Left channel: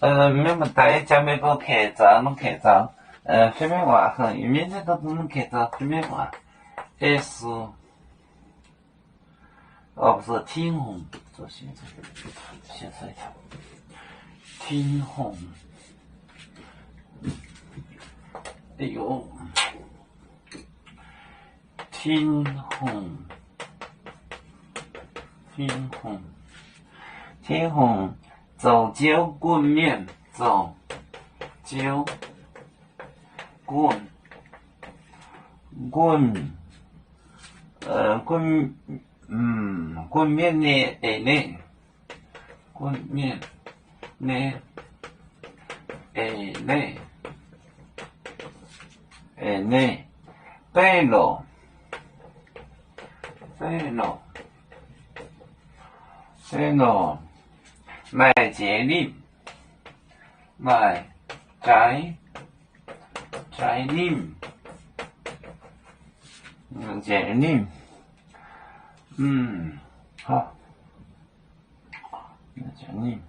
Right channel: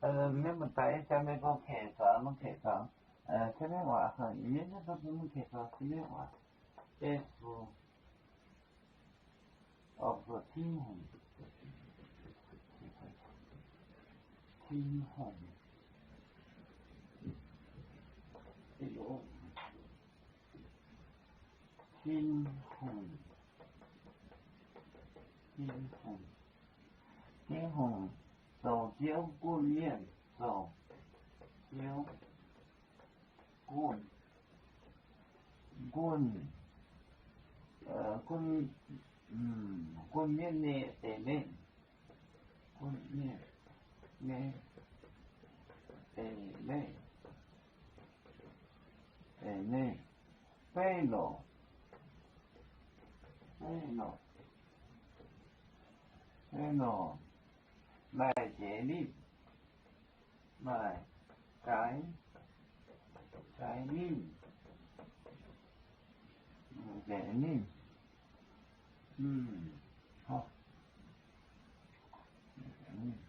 没么带家没个开张，能开张。随便玩很，面这都能开张，随便玩。这是，不是天虹，这现在一条天虹。哎呦，天虹，天虹，走酒滚面，走酒滚滚面呢？哎呢？滚面呢？哎呢？哎呢？背篓，买节令，买摘令，节令，好，节令，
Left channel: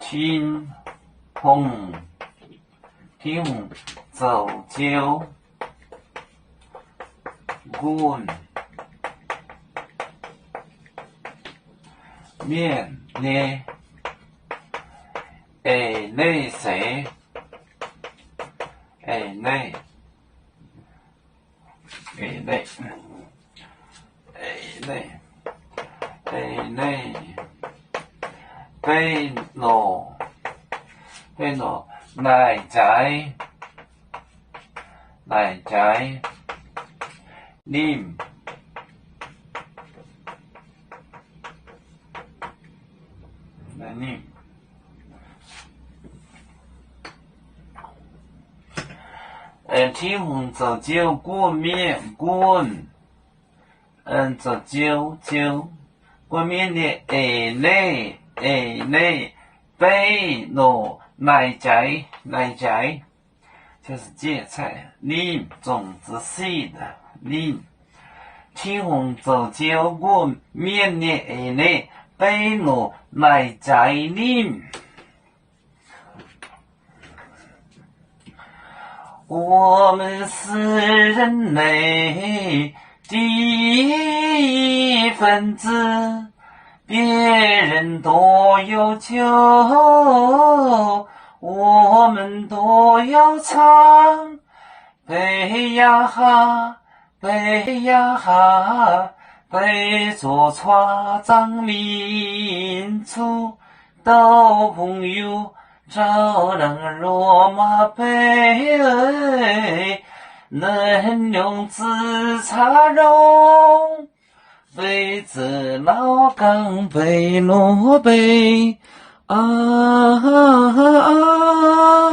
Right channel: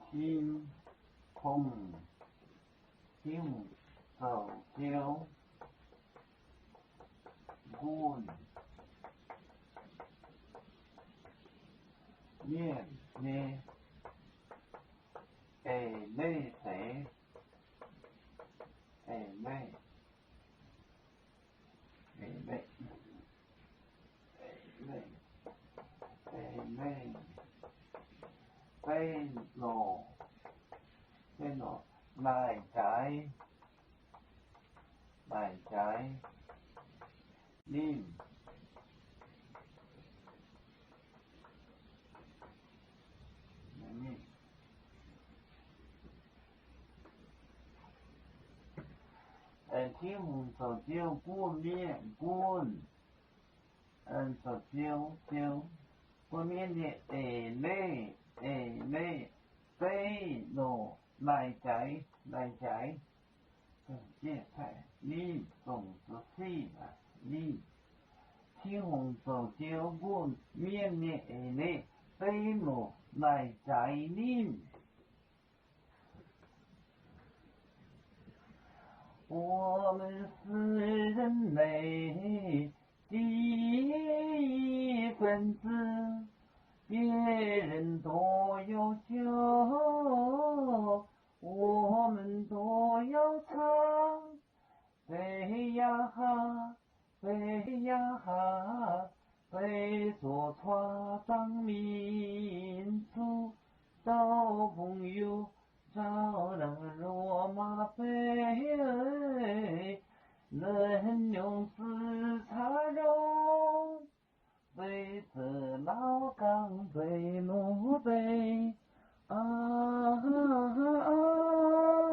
天虹，走酒滚面呢？哎呢谁？哎呢？哎呢？背篓，来摘令，天虹走酒滚面滚，走酒滚面的哎呢？背篓来摘，就是芥菜，令种子细的令。天虹走酒滚面的哎呢？背篓来摘令。我们是人类的一份子，别人都有酒，我们都要唱。背呀哈，背着船长民族到朋友。照亮罗马杯，能用紫茶容，非子老岗背罗杯啊。